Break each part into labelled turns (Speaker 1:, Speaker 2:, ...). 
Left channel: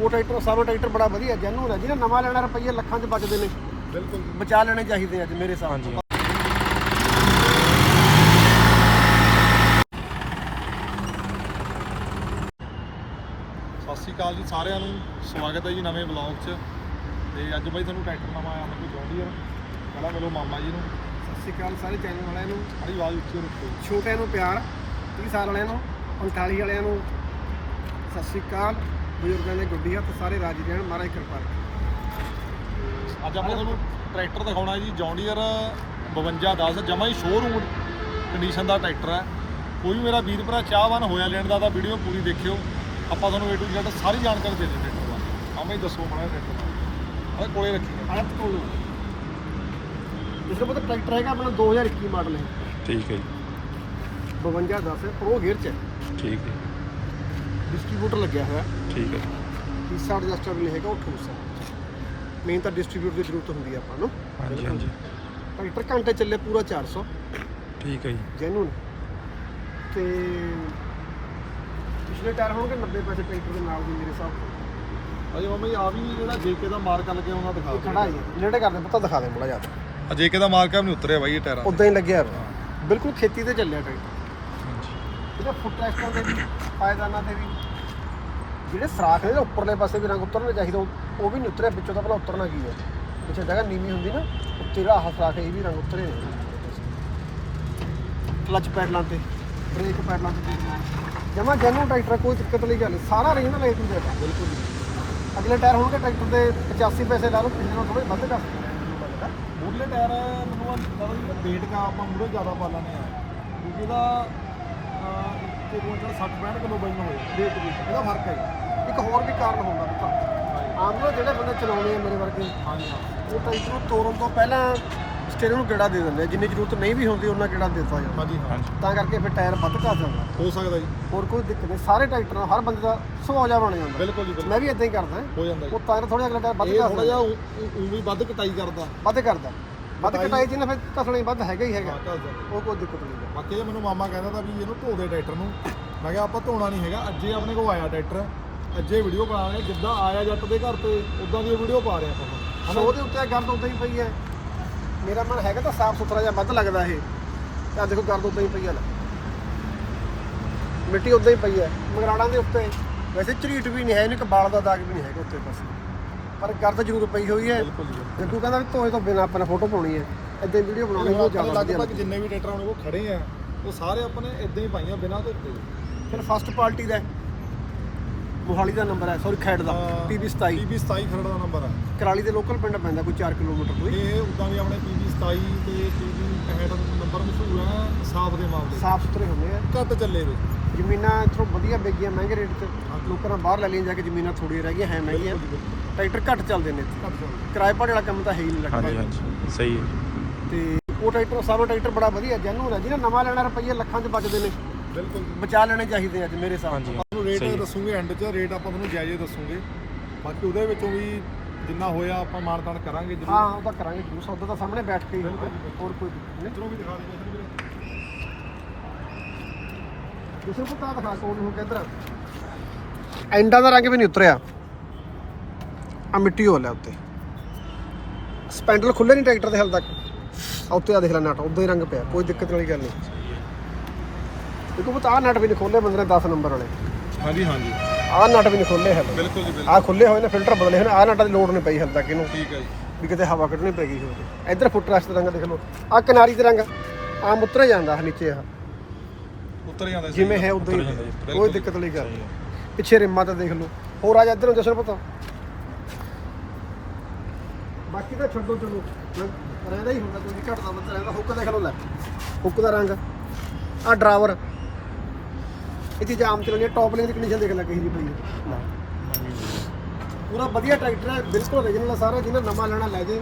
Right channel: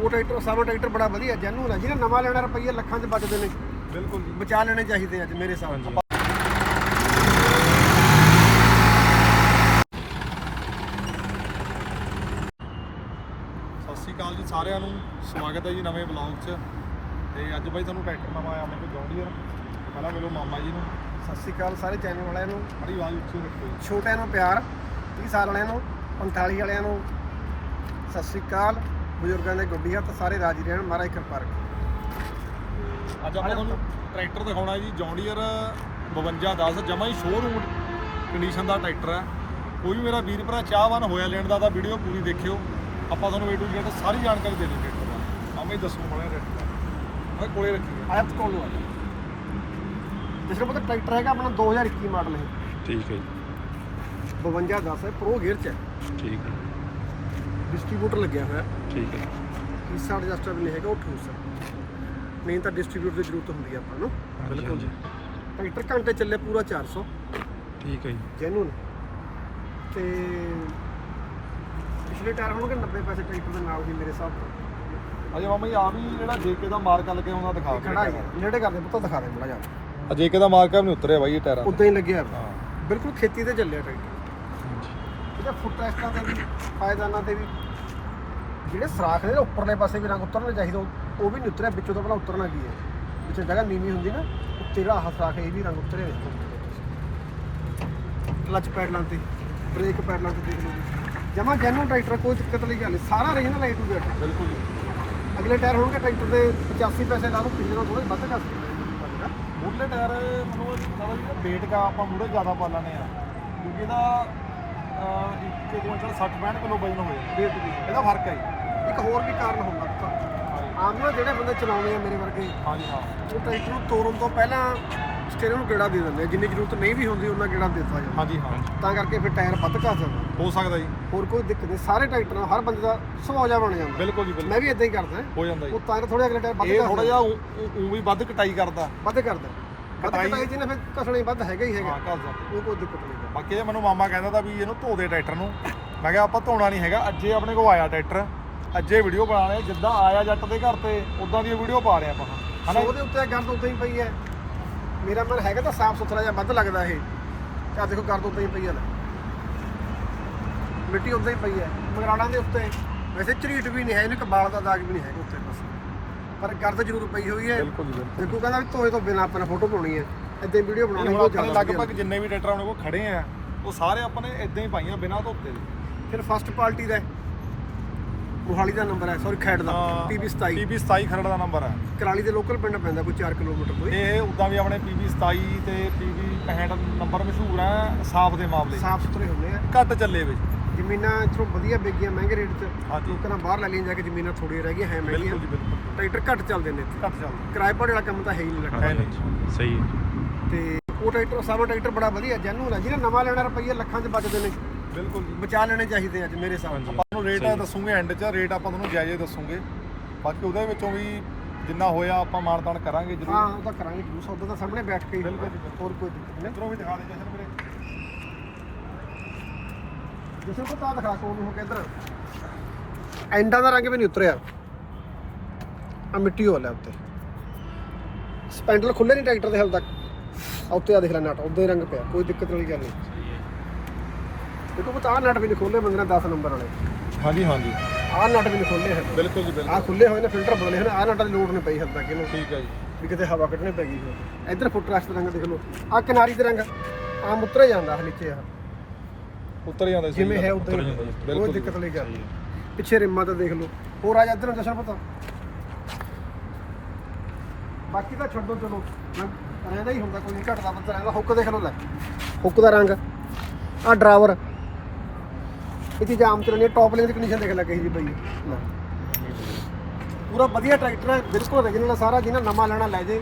Speaker 1: ਉਹ ਟਰੈਕਟਰ ਸਾਰਾ ਟਰੈਕਟਰ ਬੜਾ ਵਧੀਆ ਜੈਨੂਨ ਹੈ। ਜਿਹਨੇ ਨਵਾਂ ਲੈਣਾ ਰੁਪਈਏ ਲੱਖਾਂ 'ਚ ਬਚਦੇ ਨੇ।
Speaker 2: ਬਿਲਕੁਲ ਜੀ।
Speaker 1: ਬਚਾ ਲੈਣੇ ਚਾਹੀਦੇ ਅੱਜ ਮੇਰੇ ਹਿਸਾਬ
Speaker 3: ਹਾਂਜੀ।
Speaker 1: ਨਾਲ
Speaker 2: ਸਤਿ ਸ਼੍ਰੀ ਅਕਾਲ ਜੀ ਸਾਰਿਆਂ ਨੂੰ। ਸਵਾਗਤ ਹੈ ਜੀ ਨਵੇਂ ਬਲੌਗ 'ਚ। ਤੇ ਅੱਜ ਬਾਈ ਤੁਹਾਨੂੰ ਟਰੈਕਟਰ ਨਵਾਂ ਆਇਆ ਆਪਣੇ ਕੋਲ ਜੌਂਡੀਅਰ। ਪਹਿਲਾਂ ਮਿਲੋ ਮਾਮਾ ਜੀ ਨੂੰ।
Speaker 1: ਸਤਿ ਸ਼੍ਰੀ ਅਕਾਲ ਸਾਰੇ ਚੈਨਲ ਵਾਲਿਆਂ ਨੂੰ।
Speaker 2: ਬੜੀ ਆਵਾਜ਼ ਉੱਚੀ ਰੱਖੋ
Speaker 1: ਛੋਟਿਆਂ ਨੂੰ ਪਿਆਰ। 30 ਸਾਲ ਵਾਲਿਆਂ ਨੂੰ 45 ਵਾਲਿਆਂ ਨੂੰ। ਸਤਿ ਸ਼੍ਰੀ ਅਕਾਲ। ਬਜ਼ੁਰਗਾਂ ਦੇ ਗੁੱਡੀ ਹੱਥ ਸਾਰੇ ਰਾਜੀ ਰਹਿਣ ਮਹਾਰਾਜ ਕਿਰਪਾ ਰੱਖੇ।
Speaker 2: ਅੱਜ ਆਪਾਂ ਤੁਹਾਨੂੰ ਟਰੈਕਟਰ ਦਿਖਾਉਣਾ ਜੀ ਜੌਂਡੀਅਰ 5210 ਜਮਾ ਹੀ ਸ਼ੋਰੂਮ ਕੰਡੀਸ਼ਨ ਦਾ ਟਰੈਕਟਰ ਹੈ। ਕੋਈ ਮੇਰਾ ਵੀਰ ਭਰਾ ਚਾਹਵਾਨ ਹੋਇਆ ਲੈਣ ਦਾ ਤਾਂ ਵੀਡੀਓ ਪੂਰੀ ਦੇਖਿਓ। ਆਪਾਂ ਤੁਹਾਨੂੰ A to Z ਸਾਰੀ ਜਾਣਕਾਰੀ ਦੇ ਦੇ ਟਰੈਕਟਰ ਬਾਰੇ। ਆਵੇਂ ਹੀ ਦੱਸੋ ਬੜਾ ਟਰੈਕਟਰ ਬਾਰੇ। ਕੋਲੇ ਰੱਖੀ ਹੈ।
Speaker 1: ਆਇਤ ਕੋਲ ਨੂੰ ਆ ਜਿਸ ਨੂੰ ਪਤਾ ਟਰੈਕਟਰ ਹੈਗਾ ਆਪਣਾ 2021 ਮਾਡਲ ਹੈ।
Speaker 3: ਠੀਕ ਹੈ ਜੀ।
Speaker 1: 5210 ਹੈ ਪ੍ਰੋ ਗੇਅਰ ਚ ਹੈ।
Speaker 3: ਠੀਕ ਹੈ।
Speaker 1: ਡਿਸਟ੍ਰੀਬਿਊਟਰ ਲੱਗਿਆ ਹੋਇਆ।
Speaker 3: ਠੀਕ ਹੈ।
Speaker 1: ਹਿੱਸਾ ਐਡਜਸਟਰ ਵੀ ਨਹੀਂ ਹੈਗਾ ਉਹ ਠੋਸ ਹੈ ਮੇਨ ਤਾਂ ਡਿਸਟ੍ਰੀਬਿਊਟਰ ਦੀ ਜ਼ਰੂਰਤ ਹੁੰਦੀ ਹੈ ਆਪਾਂ ਨੂੰ।
Speaker 3: ਹਾਂਜੀ ਹਾਂਜੀ।
Speaker 1: ਟਰੈਕਟਰ ਘੰਟੇ ਚੱਲੇ ਪੂਰਾ 400
Speaker 3: ਠੀਕ ਹੈ ਜੀ।
Speaker 1: ਜੈਨੂਨ। ਤੇ ਪਿਛਲੇ ਟਾਇਰ ਹੋਣਗੇ 90 ਪੈਸੇ ਟਰੈਕਟਰ ਦੇ ਨਾਲ ਵੀ ਮੇਰੇ ਹਿਸਾਬ ਨਾਲ।
Speaker 2: ਅਜੇ ਮਾਮਾ ਜੀ ਆ ਵੀ ਜਿਹੜਾ ਜੇਕੇ ਦਾ ਮਾਰਕਾ ਲੱਗੇ ਉਹਨਾਂ ਦਿਖਾ
Speaker 1: ਇਹ ਖੜਾ ਹੀ ਹੈ ਨੇੜੇ ਕਰਦੇ ਪੁੱਤ ਦਿਖਾ ਦੇ ਬੜਾ ਜ਼ਿਆਦਾ
Speaker 2: ਆ ਜੇਕੇ ਦਾ ਮਾਰਕਾ ਵੀ ਨਹੀਂ ਉਤਰਿਆ ਬਾਈ ਇਹ ਟਾਇਰਾਂ
Speaker 1: ਉਦਾਂ ਹੀ ਲੱਗਿਆ। ਬਿਲਕੁਲ ਖੇਤੀ ਤੇ ਚੱਲਿਆ ਟਰੈਕਟਰ
Speaker 3: ਹਾਂਜੀ।
Speaker 1: ਇਹਦਾ ਫੁੱਟ ਰੈਸਟਾਂ ਤੇ ਵੀ ਪਾਇਦਾਨਾਂ ਤੇ ਵੀ ਜਿਹੜੇ ਸਰਾਖ ਨੇ ਨਾ ਉੱਪਰਲੇ ਪਾਸੇ ਵੀ ਰੰਗ ਉਤਰਨੇ ਚਾਹੀਦਾ ਉਹ ਉਹ ਵੀ ਨਹੀਂ ਉਤਰਿਆ ਵਿੱਚੋਂ ਤਾਂ ਭਲਾ ਉਤਰਨਾ ਕੀ ਹੈ? ਪਿੱਛੇ ਜਗ੍ਹਾ ਨੀਵੀਂ ਹੁੰਦੀ ਨਾ ਉੱਤੇ ਜਿਹੜਾ ਆਹ ਸਰਾਖ ਇਹ ਵੀ ਰੰਗ ਉਤਰੇ ਨੇ। ਕਲਚ ਪੈਡਲਾਂ ਤੇ ਬ੍ਰੇਕ ਪੈਡਲਾਂ ਤੇ ਦੇਖ ਲਓ। ਜਮਾ ਜੈਨੂਨ ਟਰੈਕਟਰ ਆ, ਕੋਈ ਦਿੱਕਤ ਵਾਲੀ ਗੱਲ ਨਹੀਂ। ਸਾਰਾ ਰੀਜਨਲ ਹੈ ਟੂ ਜ਼ੈਡ
Speaker 2: ਬਿਲਕੁਲ।
Speaker 1: ਅਗਲੇ ਟਾਇਰ ਹੋਣਗੇ ਟਰੈਕਟਰ ਦੇ 85 ਪੈਸੇ ਲਾ ਲਓ ਪਿਛਲੇ ਨਾਲ ਥੋੜੇ ਵੱਧ ਕਰ ਸਕਦੇ ਮੈਨੂੰ ਲੱਗਦਾ
Speaker 2: ਮੂਰਲੇ ਟਾਇਰ ਮੈਨੂੰ ਇਹ ਲੱਗਦਾ ਜਿਹੜਾ weight ਕਾ ਆਪਾਂ ਮੂਰੇ ਜ਼ਿਆਦਾ ਪਾ ਲੈਣੇ ਆ ਕਿਉਂਕਿ ਇਹਦਾ ਅਹ, ਇੱਕ ਕੁਇੰਟਲ 60 65 ਕਿਲੋ ਵਜਨ ਹੋਏ weight ਵੀ। ਇਹਦਾ ਫ਼ਰਕ ਹੈ ਜੀ।
Speaker 1: ਇੱਕ ਹੋਰ ਵੀ ਕਾਰਨ ਹੁੰਦਾ ਪੁੱਤ। ਆਮ ਨਾ ਜਿਹੜੇ ਬੰਦੇ ਚਲਾਉਂਦੇ ਆ ਮੇਰੇ ਵਰਗੇ
Speaker 2: ਹਾਂਜੀ ਹਾਂ।
Speaker 1: ਉਹ ਟਰੈਕਟਰ ਨੂੰ ਤੋੜਨ ਤੋਂ ਪਹਿਲਾਂ ਸਟੀਅਰਿੰਗ ਨੂੰ ਗੇੜਾ ਦੇ ਦਿੰਦੇ ਆ। ਜਿੰਨੀ ਜ਼ਰੂਰਤ ਨਹੀਂ ਵੀ ਹੁੰਦੀ ਉਹਨਾਂ ਗੇੜਾ ਦੇ ਦਿੱਤਾ ਜਾਂਦਾ।
Speaker 2: ਹਾਂਜੀ ਹਾਂ।
Speaker 1: ਤਾਂ ਕਰਕੇ ਫਿਰ ਟਾਇਰ ਵੱਧ ਘਾ ਜਾਂਦਾ।
Speaker 2: ਹੋ ਸਕਦਾ ਜੀ।
Speaker 1: ਹੋਰ ਕੋਈ ਦਿੱਕਤ ਨਹੀਂ। ਸਾਰੇ ਟਰੈਕਟਰ ਨਾਲ ਹਰ ਬੰਦੇ ਦਾ ਸੁਭਾਅ ਜਿਹਾ ਬਣ ਜਾਂਦਾ।
Speaker 2: ਬਿਲਕੁਲ ਜੀ ਬਿਲਕੁਲ।
Speaker 1: ਮੈਂ ਵੀ ਇਦਾਂ ਹੀ ਕਰਦਾ।
Speaker 2: ਹੋ ਜਾਂਦਾ ਜੀ।
Speaker 1: ਉਹ ਤਾਂ ਥੋੜੇ ਅਗਲੇ ਟਾਇਰ ਵੱਧ
Speaker 2: ਇਹ ਥੋੜਾ ਜਿਹਾ ਉਹ ਵੀ ਵੱਧ ਕਟਾਈ ਕਰਦਾ।
Speaker 1: ਵੱਧ ਕਰਦਾ। ਵੱਧ
Speaker 2: ਕਟਾਈ-
Speaker 1: ਕਟਾਈ ਜਿਹਨੇ ਫਿਰ ਕਸਣਾ ਹੀ ਵੱਧ ਹੈਗਾ ਹੀ ਹੈਗਾ।
Speaker 2: ਹਾਂ ਘਰ ਜਾਂਦਾ
Speaker 1: ਉਹ ਕੋਈ ਦਿੱਕਤ ਨਹੀਂ ਹੈ।
Speaker 2: ਬਾਕੀ ਇਹ ਮੈਨੂੰ ਮਾਮਾ ਕਹਿੰਦਾ ਤਾਂ ਵੀ ਇਹਨੂੰ ਧੋ ਦੇ ਟਰੈਕਟਰ ਨੂੰ। ਮੈਂ ਕਿਹਾ ਆਪਾਂ ਧੋਣਾ ਨਹੀਂ ਹੈਗਾ ਅੱਜੇ ਆਪਣੇ ਕੋਲ ਆਇਆ ਟਰੈਕਟਰ। ਅੱਜੇ ਵੀਡੀਓ ਬਣਾ ਰਹੇ ਜਿੱਦਾਂ ਆਇਆ ਜੱਟ ਦੇ ਘਰ ਤੇ ਉਦਾਂ ਦੀ ਵੀਡੀਓ ਪਾ ਰਹੇ ਆਪਾਂ ਹੁਣ। ਹਨਾ
Speaker 1: ਉੱਤੇ ਗਰਦ ਉਦਾਂ ਹੀ ਪਈ ਹੈ। ਮੇਰਾ ਮਨ ਹੈਗਾ ਤਾਂ ਸਾਫ਼ ਸੁਥਰਾ ਜਿਹਾ ਵੱਧ ਲੱਗਦਾ ਇਹ। ਤੇ ਦੇਖੋ ਗਰਦ ਉਦਾਂ ਹੀ ਪਈ ਹੈ। ਲੈ ਮਿੱਟੀ ਉਦਾਂ ਹੀ ਪਈ ਹੈ। ਮਗਰਾੜਾਂ ਦੇ ਉੱਤੇ। ਵੈਸੇ ਝਰੀਟ ਵੀ ਨਹੀਂ ਹੈ ਇਹਨੂੰ ਇੱਕ ਬਾਲ ਦਾ ਦਾਗ ਵੀ ਨਹੀਂ ਹੈਗਾ ਉੱਤੇ ਪਾਸੇ ਪਰ ਗਰਦ ਜ਼ਰੂਰ ਪਈ ਹੋਈ ਹੈ
Speaker 2: ਬਿਲਕੁਲ ਜੀ
Speaker 1: ਜੱਗੂ ਕਹਿੰਦਾ ਵੀ ਧੋਏ ਤੋਂ ਬਿਨਾਂ ਆਪਣਾ ਫੋਟੋ ਪਾਉਣੀ ਹੈ ਇਦਾਂ ਵੀਡੀਓ ਬਣਾਉਣੀ ਉਹ
Speaker 2: ਆਪਣੇ
Speaker 1: ਜ਼ਿਆਦਾ
Speaker 2: ਲਗਭਗ। ਜਿੰਨੇ ਵੀ ਟਰੈਕਟਰ ਆਪਣੇ ਕੋਲ ਖੜੇ ਆ ਉਹ ਸਾਰੇ ਆਪਾਂ ਨੇ ਇਦਾਂ ਹੀ ਪਾਈਆਂ ਬਿਨਾਂ ਧੋਤੇ
Speaker 1: ਫਿਰ ਫਸਟ ਪਾਰਟੀ ਦਾ। ਮੋਹਾਲੀ ਦਾ ਨੰਬਰ ਹੈ ਸੌਰੀ ਖੈੜ ਦਾ PB 27
Speaker 2: PB 27 ਖਰੜ ਦਾ ਨੰਬਰ ਹੈ
Speaker 1: ਕਰਾਲੀ ਦੇ ਲੋਕਲ ਪਿੰਡ ਪੈਂਦਾ ਕੋਈ 4 ਕਿਲੋਮੀਟਰ ਹੀ।
Speaker 2: ਇਹ ਉਦਾਂ ਵੀ ਆਪਣੇ PB 27 ਤੇ PB 65 ਨੰਬਰ ਮਸ਼ਹੂਰ ਹੈ ਸਾਫ਼ ਦੇ ਮਾਮਲੇ।
Speaker 1: ਸਾਫ਼ ਸੁਥਰੇ ਹੁੰਦੇ ਆ
Speaker 2: ਘੱਟ ਚੱਲੇ ਵਿੱਚ
Speaker 1: ਜ਼ਮੀਨਾਂ ਇੱਥੋਂ ਵਧੀਆ ਵਿਕੀਆਂ ਮਹਿੰਗੇ ਰੇਟ 'ਚ
Speaker 2: ਹਾਂਜੀ।
Speaker 1: ਲੋਕਾਂ ਨਾਲ ਬਾਹਰ ਲੈ ਲਈਆਂ ਜਾ ਕੇ ਜ਼ਮੀਨਾਂ ਥੋੜੀਆਂ ਰਹਿ ਗਈਆਂ ਹੈ ਮਹਿੰਗੀਆਂ।
Speaker 2: ਬਿਲਕੁਲ ਜੀ ਬਿਲਕੁਲ।
Speaker 1: ਟਰੈਕਟਰ ਘੱਟ ਚੱਲਦੇ ਨੇ।
Speaker 2: ਘੱਟ ਚੱਲਦੇ
Speaker 1: ਕਿਰਾਏ ਭਾੜੇ ਵਾਲਾ ਕੰਮ ਤਾਂ ਹੈ ਹੀ ਨਹੀਂ ਲੱਗਦਾ।
Speaker 3: ਹਾਂਜੀ ਹਾਂਜੀ। ਸਹੀ ਹੈ।
Speaker 1: ਤੇ ਉਹ ਟਰੈਕਟਰ ਸਾਰਾ ਟਰੈਕਟਰ ਬੜਾ ਵਧੀਆ ਜੈਨੂਨ ਹੈ। ਜਿਹਨੇ ਨਵਾਂ ਲੈਣਾ ਰੁਪਈਏ ਲੱਖਾਂ 'ਚ ਬਚਦੇ ਨੇ।
Speaker 2: ਬਿਲਕੁਲ ਜੀ।
Speaker 1: ਬਚਾ ਲੈਣੇ ਚਾਹੀਦੇ ਅੱਜ ਮੇਰੇ ਹਿਸਾਬ
Speaker 3: ਹਾਂਜੀ
Speaker 1: ਨਾਲ।
Speaker 2: ਆਪਾਂ ਨੂੰ ਰੇਟ
Speaker 3: ਸਹੀ ਹੈ।
Speaker 2: ਦੱਸੂਗੇ ਐਂਡ 'ਚ ਰੇਟ ਆਪਾਂ ਤੁਹਾਨੂੰ ਜਾਇਜ਼ ਦੱਸੂਗੇ। ਬਾਕੀ ਉਹਦੇ ਵਿੱਚੋਂ ਵੀ ਜਿੰਨਾ ਹੋਇਆ ਆਪਾਂ ਮਾਨਤਾਨ ਕਰਾਂਗੇ
Speaker 1: ਹਾਂ
Speaker 2: ਜਰੂਰ
Speaker 1: ਉਹ ਤਾਂ ਕਰਾਂਗੇ ਜਰੂਰ। ਸੌਦਾ ਤਾਂ ਸਾਹਮਣੇ ਬੈਠ ਕੇ ਹੀ
Speaker 2: ਜੀ,
Speaker 1: ਹੋਰ ਕੋਈ ਦਿੱਕਤ ਨਹੀਂ।
Speaker 2: ਇਧਰੋਂ ਵੀ ਦਿਖਾ ਦੇ ਜਸ਼ਨ ਵੀਰੇ
Speaker 1: ਜਿਸੇ ਕੋ ਤਾਂ ਦਿਖਾ ਕੋਲ ਨੂੰ ਕਿੱਧਰ ਐਂਡਾਂ ਦਾ ਰੰਗ ਵੀ ਨਹੀਂ ਉਤਰਿਆ। ਆ ਮਿੱਟੀ ਹੋ ਲਿਆ ਉੱਤੇ। ਸਪੈਂਡਲ ਖੁੱਲੇ ਨਹੀਂ ਟਰੈਕਟਰ ਦੇ ਹਾਲ ਤੱਕ। ਆ ਉੱਤੇ ਆ ਦੇਖ ਲੈ ਨਟ ਉਦਾਂ ਹੀ ਰੰਗ ਪਿਆ ਕੋਈ ਦਿੱਕਤ ਵਾਲੀ ਗੱਲ ਨਹੀਂ। ਦੇਖੋ ਬਤਾ ਨਟ ਵੀ ਨਹੀਂ ਖੋਲੇ ਬੰਦੇ ਨੇ 10 ਨੰਬਰ ਵਾਲੇ।
Speaker 2: ਹਾਂਜੀ ਹਾਂਜੀ।
Speaker 1: ਆਹ ਨਟ ਵੀ ਨਹੀਂ ਖੋਲੇ ਹਾਲੇ
Speaker 2: ਬਿਲਕੁਲ ਜੀ ਬਿਲਕੁਲ।
Speaker 1: ਆਹ ਖੁੱਲੇ ਹੋਏ ਨੇ ਫਿਲਟਰ ਬਦਲੇ ਹੋਏ ਨੇ ਆਹ ਨਟਾਂ ਦੀ ਲੋੜ ਨਹੀਂ ਪਈ ਹਾਲ ਤੱਕ ਇਹਨੂੰ।
Speaker 2: ਠੀਕ ਹੈ ਜੀ।
Speaker 1: ਵੀ ਕਿਤੇ ਹਵਾ ਕੱਢਣੀ ਪੈ ਗਈ ਹੋਵੇ। ਇੱਧਰ ਫੁੱਟ ਰੈਸਟ ਦਾ ਰੰਗ ਦੇਖ ਲਓ। ਆਹ ਕਿਨਾਰੀ ਦੇ ਰੰਗ ਆਮ ਉਤਰੇ ਜਾਂਦਾ ਹੈ ਨੀਚੇ ਆਹ।
Speaker 2: ਉੱਤਰ ਜਾਂਦਾ ਸਹੀ
Speaker 1: ਜਿਵੇਂ ਹੈ। ਉਦਾਂ
Speaker 3: ਉਤਰ ਜਾਂਦਾ ਜੀ,
Speaker 1: ਕੋਈ
Speaker 2: ਬਿਲਕੁਲ
Speaker 1: ਦਿੱਕਤ ਨਹੀਂ
Speaker 3: ਸਹੀ ਹੈ।
Speaker 1: ਪਿੱਛੇ ਰਿੰਮਾਂ ਤੇ ਦੇਖ ਲਓ। ਹੋਰ ਆ ਜਾ ਇੱਧਰ ਨੂੰ ਜਸ਼ਨ ਪੁੱਤ। ਬਾਕੀ ਤਾਂ ਛੱਡੋ ਚਲੋ। ਰੰਗ ਰਹਿੰਦਾ ਹੀ ਹੁੰਦਾ ਕੋਈ ਨੀ, ਘਟਦਾ ਵੱਧਦਾ ਰਹਿੰਦਾ। ਹੁੱਕ ਦੇਖ ਲਓ ਲੈ। ਹੁੱਕ ਦਾ ਰੰਗ। ਆ ਡਰਾਈਵਰ ਇੱਥੇ ਜਾਮ ਚਲਾਉਂਦੇ ਟੌਪ ਲੈਣ ਦੀ ਕੰਡੀਸ਼ਨ ਦੇਖ ਲੈ ਕਹੀ ਜੀ। ਲੈ। ਪੂਰਾ ਵਧੀਆ ਟਰੈਕਟਰ ਹੈ ਬਿਲਕੁਲ original ਹੈ ਸਾਰਾ ਜਿਹਨੇ ਨਵਾਂ ਲੈਣਾ ਲੈ ਜੇ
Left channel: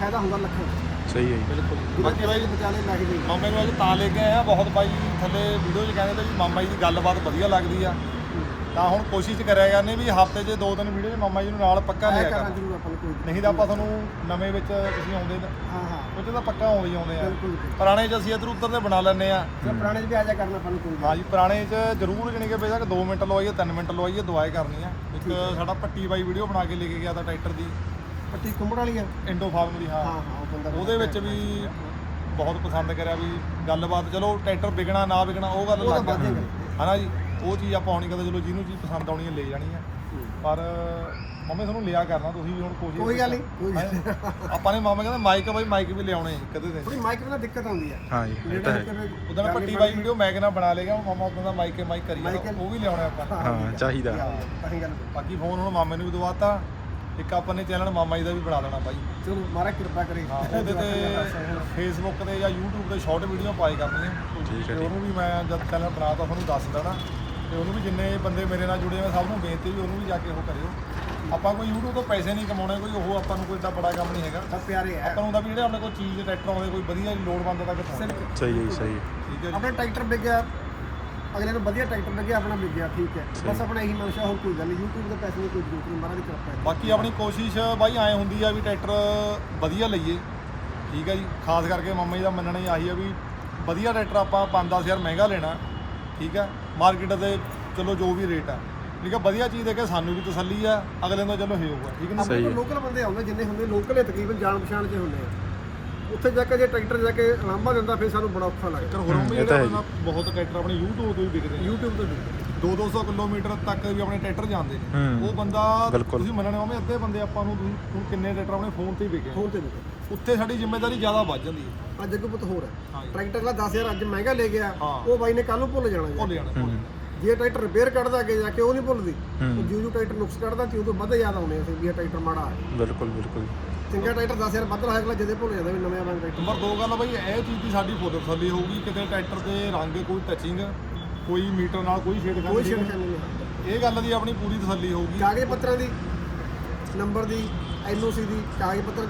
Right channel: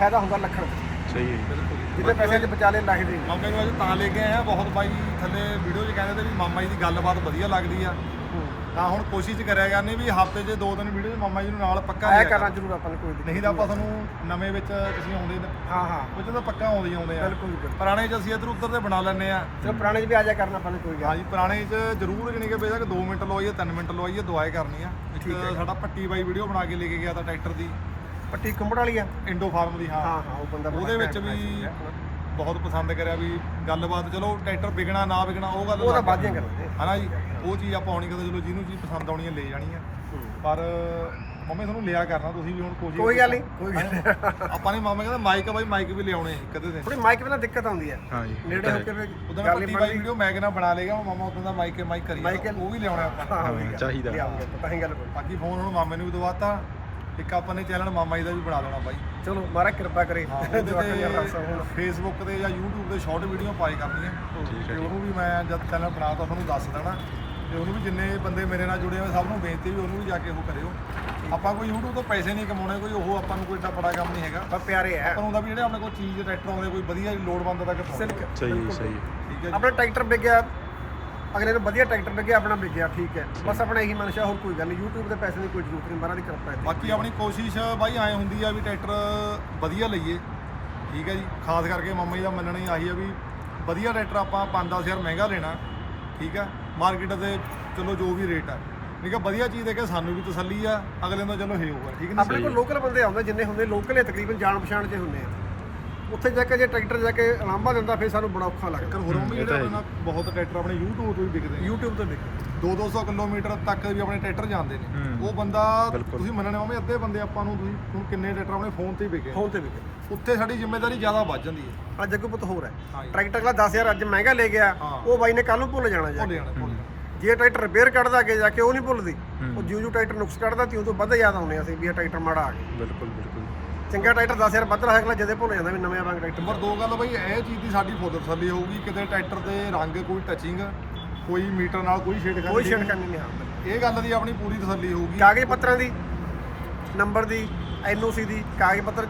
Speaker 1: ਫਾਇਦਾ ਹੁੰਦਾ ਲੱਖਾਂ।
Speaker 3: ਸਹੀ ਹੈ ਜੀ।
Speaker 1: ਜਿਹਦੇ ਪੈਸੇ ਚ ਬਚਾ ਲੈ ਲੱਗਦੇ
Speaker 2: ਮਾਮੇ ਨੂੰ ਅੱਜ ਤਾਂ ਲੈ ਕੇ ਆਇਆ ਬਹੁਤ ਬਾਈ ਥੱਲੇ ਵੀਡੀਓ 'ਚ ਕਹਿੰਦੇ ਤੇ ਵੀ ਮਾਮਾ ਜੀ ਦੀ ਗੱਲਬਾਤ ਵਧੀਆ ਲੱਗਦੀ ਆ। ਤਾਂ ਹੁਣ ਕੋਸ਼ਿਸ਼ ਕਰਿਆ ਜਾਂਦੇ ਵੀ ਹਫ਼ਤੇ 'ਚ ਦੋ ਤਿੰਨ ਵੀਡੀਓ ਮਾਮਾ ਜੀ ਨੂੰ ਨਾਲ ਪੱਕਾ ਲਿਆ
Speaker 1: ਕਰਾਂ
Speaker 2: ਕਰਨਾ।
Speaker 1: ਜ਼ਰੂਰ ਆਪਾਂ ਨੂੰ ਕੋਈ ਦਿੱਕਤ
Speaker 2: ਨਹੀਂ ਤਾਂ ਆਪਾਂ ਤੁਹਾਨੂੰ ਨਵੇਂ ਵਿੱਚ ਤੁਸੀਂ ਆਉਂਦੇ ਨੇ
Speaker 1: ਹਾਂ ਹਾਂ।
Speaker 2: ਉਹ 'ਚ ਤਾਂ ਪੱਕਾ ਆਉਂਦੇ ਹੀ ਆਉਂਦੇ ਆ।
Speaker 1: ਬਿਲਕੁਲ ਬਿਲਕੁਲ
Speaker 2: ਪੁਰਾਣੇ 'ਚ ਅਸੀਂ ਇੱਧਰ ਉੱਧਰ ਦੇ ਬਣਾ ਲੈਂਦੇ ਆ।
Speaker 1: ਚਲੋ ਪੁਰਾਣੇ 'ਚ ਵੀ ਆ ਜਾ ਕਰਨਾ ਆਪਾਂ ਨੂੰ ਕੋਈ ਗੱਲ
Speaker 2: ਹਾਂ ਜੀ ਪੁਰਾਣੇ 'ਚ ਜ਼ਰੂਰ ਜਣੀ ਕਿ ਬੇਸ਼ੱਕ 2 ਮਿੰਟ ਲਵਾਈਏ 3 ਮਿੰਟ ਲਵਾਈਏ ਦੁਆਏ ਕਰਨੀ ਆ। ਇੱਕ। ਸਾਡਾ ਪੱਟੀ ਬਾਈ ਵੀਡੀਓ ਬਣਾ ਕੇ ਲੈ ਕੇ ਗਿਆ ਤਾਂ ਟਰੈਕਟਰ ਦੀ।
Speaker 1: ਪੱਟੀ ਕੁੰਬੜ ਵਾਲੀ ਆ।
Speaker 2: ਇੰਡੋ ਫਾਰਮ ਦੀ ਹਾਂ।
Speaker 1: ਹਾਂ ਹਾਂ ਉਹ ਬੰਦਾ
Speaker 2: ਉਹਦੇ ਵਿੱਚ ਵੀ ਬਹੁਤ ਪਸੰਦ ਕਰਿਆ ਵੀ ਗੱਲਬਾਤ ਚਲੋ ਟਰੈਕਟਰ ਵਿਕਣਾ ਨਾ ਵਿਕਣਾ ਉਹ ਗੱਲ
Speaker 1: ਉਹ ਤਾਂ
Speaker 2: ਅਲੱਗ ਆ।
Speaker 1: ਬਾਅਦ ਦੀਆਂ ਗੱਲਾਂ
Speaker 2: ਹਨਾ ਜੀ? ਉਹ ਚੀਜ਼ ਆਪਾਂ ਆਉਣੀ ਕਦੇ ਚਲੋ ਜਿਹਨੂੰ ਚੀਜ਼ ਪਸੰਦ ਆਉਣੀ ਹੈ ਲੈ ਜਾਣੀ ਆ। ਪਰ ਮੰਮੀ ਤੁਹਾਨੂੰ ਲਿਆ ਕਰਨਾ ਤੁਸੀਂ ਵੀ ਹੁਣ ਕੋਸ਼ਿਸ਼
Speaker 1: ਕੋਈ ਗੱਲ ਨਹੀਂ ਕੋਈ ਗੱਲ ਨਹੀਂ।
Speaker 2: ਆਪਾਂ ਨੇ ਮਾਮਾ ਕਹਿੰਦਾ ਮਾਈਕ ਆ ਬਾਈ ਮਾਈਕ ਵੀ ਲਿਆਉਣੇ ਕਦੇ ਦਿਨ।
Speaker 1: ਥੋੜੀ ਮਾਈਕ ਬਿਨਾ ਦਿੱਕਤ ਆਉਂਦੀ ਆ।
Speaker 3: ਹਾਂ ਜੀ ਇਹ
Speaker 1: ਨੇੜੇ
Speaker 3: ਤਾਂ
Speaker 1: ਹੋ।
Speaker 2: ਉਦੋਂ
Speaker 1: ਗੱਲ
Speaker 2: ਪੱਟੀ
Speaker 1: ਬਣਦੀ
Speaker 2: ਵੀਡੀਓ ਮੈਂ ਕਹਿੰਦਾ ਬਣਾ ਲੇਗਾ ਮਾਮਾ ਉਦੋਂ ਦਾ ਮਾਈਕ ਮਾਈਕ ਕਰੀ
Speaker 1: ਮਾਈਕ-
Speaker 2: ਉਹ ਵੀ ਲਿਆਉਣਾ ਆਪਾਂ।
Speaker 3: ਹਾਂ, ਚਾਹੀਦਾ।
Speaker 1: ਤਾਂ ਹੀ ਗੱਲ।
Speaker 2: ਬਾਕੀ ਫੋਨ ਹੁਣ ਮਾਮੇ ਨੂੰ ਵੀ ਦਵਾਤਾ ਇੱਕ ਆਪਾਂ ਨੇ ਚੈਨਲ ਮਾਮਾ ਜੀ ਦਾ ਵੀ ਬਣਾ ਲੈਣਾ ਬਾਈ।
Speaker 1: ਚਲੋ ਮਹਾਰਾਜ ਕਿਰਪਾ ਕਰੇ।
Speaker 2: ਹਾਂ ਉਹਦੇ ਤੇ। ਫੇਸਬੁੱਕ ਤੇ ਜਾਂ YouTube ਤੇ ਸ਼ਾਰਟ ਵੀਡੀਓ ਪਾਏ ਕਰਨੀਆਂ ਤੇ ਉਹਨੂੰ ਵੀ ਮੈਂ ਜਦ ਚੈਨਲ ਬਣਾਤਾ ਤੁਹਾਨੂੰ ਦੱਸ ਦੇਣਾ। ਤੇ ਉਹਨੂੰ ਵੀ ਜਿੰਨੇ ਬੰਦੇ ਮੇਰੇ ਨਾਲ ਜੁੜੇ ਹੋਏ ਸਭ ਨੂੰ ਬੇਨਤੀ ਵੀ ਉਹਨੂੰ ਵੀ ਜਾ ਕੇ ਉਹ ਕਰਿਓ। ਆਪਾਂ ਕੋਈ YouTube ਤੋਂ ਪੈਸੇ ਨਹੀਂ ਕਮਾਉਣੇ ਕੋਈ ਉਹ ਆਪਾਂ ਨੂੰ ਕੋਈ ਏਡਾ ਬੜਾ ਕੰਮ ਨਹੀਂ ਹੈਗਾ।
Speaker 1: ਬਸ ਪਿਆਰੇ ਹੈ
Speaker 2: ਆਪਾਂ ਨੂੰ ਹੁੰਦਾ ਵੀ ਜਿਹੜੇ ਆਪਣੇ ਕੋਲ ਚੀਜ਼ ਟਰੈਕਟਰ ਆਉਂਦੇ ਕੋਈ ਵਧੀਆ ਲੋੜਵੰਦ ਤੱਕ ਪਹੁੰਚੇ
Speaker 3: ਸਹੀ ਸਹੀ
Speaker 2: ਠੀਕ ਹੈ
Speaker 1: ਆਪਣਾ ਟਰੈਕਟਰ ਵਿਕ ਗਿਆ ਅਗਲੇ ਨੂੰ ਵਧੀਆ ਟਰੈਕਟਰ ਗਿਆ ਆਪਣਾ ਵਿਕ ਗਿਆ ਠੀਕ ਹੈ। ਬਸ ਆਪਣਾ ਇਹੀ ਮਨਸ਼ਾ ਹੋਰ ਕੋਈ ਗੱਲ ਨਹੀਂ। YouTube ਦੇ ਪੈਸੇ ਦੀ ਕੋਈ ਜ਼ਰੂਰਤ ਨਹੀਂ ਮਹਾਰਾਜ ਦੀ ਕਿਰਪਾ ਹੈ।
Speaker 2: ਬਾਕੀ ਆਪਣੀ ਕੋਸ਼ਿਸ਼ ਬਾਈ ਐ ਹੁੰਦੀ ਆ ਵੀ ਟਰੈਕਟਰ ਵਧੀਆ ਲਈਏ ਠੀਕ ਹੈ ਜੀ। ਖਾਸ ਕਰਕੇ ਮਾਮਾ ਜੀ ਦਾ ਮੰਨਣਾ ਹੀ ਆਹੀ ਆ ਵੀ ਵਧੀਆ ਟਰੈਕਟਰ ਆਪਾਂ 5-10000 ਮਹਿੰਗਾ ਲੈਣਾ ਠੀਕ ਆ। ਮਾਰਕੀਟ ਦੇ ਚਲੋ ਜੋ ਵੀ ਰੇਟ ਆ। ਠੀਕ ਆ ਵਧੀਆ ਚੀਜ਼ ਦੇ ਕੇ ਸਾਨੂੰ ਵੀ ਤਸੱਲੀ ਆ ਅਗਲੇ ਨੂੰ ਚਲੋ ਹੇ ਹੋਊਗਾ ਠੀਕ ਨਾ?
Speaker 1: ਆਪਣੇ ਕੋਲ ਲੋਕਲ ਬੰਦੇ ਆਉਂਦੇ ਜਿੰਨੇ ਹੁੰਦੇ ਲੋਕਲ ਹੀ ਤਕਰੀਬਨ ਜਾਣ ਪਛਾਣ 'ਚ ਹੁੰਦੇ ਆ। ਉੱਥੇ ਜਾ ਕੇ ਜੇ ਟਰੈਕਟਰ ਜਾ ਕੇ ਲਾਂਭਾ ਦਿੰਦਾ ਫਿਰ ਸਾਨੂੰ ਬੜਾ ਔਖਾ ਲੱਗਦਾ।
Speaker 2: ਹੋਰ ਵੀ
Speaker 3: ਇਹ ਤਾਂ ਹੈ
Speaker 2: ਜਿਹੜਾ ਬਹੁਤ ਟਰੈਕਟਰ ਆਪਣੇ YouTube ਤੋਂ ਵੀ ਵਿਕਦੇ ਨੇ
Speaker 1: YouTube ਤੇ ਵਿਕ
Speaker 2: 2-200 ਕਿਲੋਮੀਟਰ ਤੱਕ ਵੀ ਆਪਣੇ ਟਰੈਕਟਰ ਜਾਂਦੇ ਨੇ।
Speaker 3: ਹੂੰ।
Speaker 2: ਉਹ ਬੰਦਾ
Speaker 3: ਬਿਲਕੁਲ।
Speaker 2: ਤੁਸੀਂ ਮੰਨਣੇ ਮਾਮੇ ਅੱਧੇ ਬੰਦੇ ਆਪਾਂ ਨੂੰ ਤੁਸੀਂ- ਹੁਣ ਕਿੰਨੇ ਟਰੈਕਟਰ ਆਪਣੇ ਫੋਨ ਤੇ ਹੀ ਵਿਕੇ।
Speaker 1: ਫੋਨ ਤੇ ਵਿਕ
Speaker 2: ਉੱਥੇ ਸਾਡੀ ਜ਼ਿੰਮੇਵਾਰੀ ਜ਼ਿਆਦਾ ਵੱਧ ਜਾਂਦੀ ਹੈ।
Speaker 1: ਅੱਜ ਅੱਗੋਂ ਪੁੱਤ ਹੋਰ ਹੈ। ਟਰੈਕਟਰ ਦਾ 10000 ਅੱਜ ਮਹਿੰਗਾ ਲੈ ਗਿਆ
Speaker 2: ਹਾਂ।
Speaker 1: ਉਹ ਬਾਈ ਨੇ ਕੱਲ ਨੂੰ ਭੁੱਲ ਜਾਣਾ ਜਾ
Speaker 2: ਭੁੱਲ
Speaker 1: ਕੇ।
Speaker 2: ਜਾਣਾ ਭੁੱਲ ਜਾਣਾ।
Speaker 1: ਜੇ ਟਰੈਕਟਰ ਰਿਪੇਅਰ ਕੱਢਦਾ ਅੱਗੇ ਜਾ ਕੇ ਉਹ ਨਹੀਂ ਭੁੱਲਦੀ।
Speaker 3: ਹੂੰ।
Speaker 1: ਉਹ ਜਿਉਂ ਜਿਉਂ ਟਰੈਕਟਰ ਨੁਕਸ ਕੱਢਦਾ ਤੀ ਉਦੋਂ ਵੱਧ ਯਾਦ ਆਉਂਦੇ ਆ ਸੀ ਵੀ ਇਹ ਟਰੈਕਟਰ ਮਾੜਾ ਆ ਗਿਆ।
Speaker 3: ਬਿਲਕੁਲ ਬਿਲਕੁਲ।
Speaker 1: ਚੰਗਾ ਟਰੈਕਟਰ 10000 ਵੱਧ ਰਿਹਾ ਅਗਲਾ ਜਦੇ ਭੁੱਲ ਜਾਂਦਾ ਵੀ ਨਵੇਂ ਰੰਗ ਟਰੈਕਟਰ।
Speaker 2: ਨੰਬਰ ਦੋ ਗੱਲ ਬਈ ਇਹ ਚੀਜ਼ ਦੀ ਸਾਡੀ ਫੁੱਲ ਤਸੱਲੀ ਹੋਊਗੀ ਕਿਤੇ ਟਰੈਕਟਰ ਦੇ ਰੰਗ ਕੋਈ ਟੱਚਿੰਗ ਕੋਈ ਮੀਟਰ ਨਾਲ ਕੋਈ ਛੇੜਖਾਨੀ
Speaker 1: ਕੋਈ
Speaker 2: ਨਹੀਂ।
Speaker 1: ਛੇੜਖਾਨੀ ਨਹੀਂ ਹਾਂ।
Speaker 2: ਇਹ ਗੱਲ ਦੀ ਆਪਣੀ ਪੂਰੀ ਤਸੱਲੀ ਹੋਊਗੀ।
Speaker 1: ਕਾਗਜ਼ ਪੱਤਰਾਂ ਦੀ ਨੰਬਰ ਦੀ ਐਨਓਸੀ ਦੀ ਕਾਗਜ਼ ਪੱਤਰ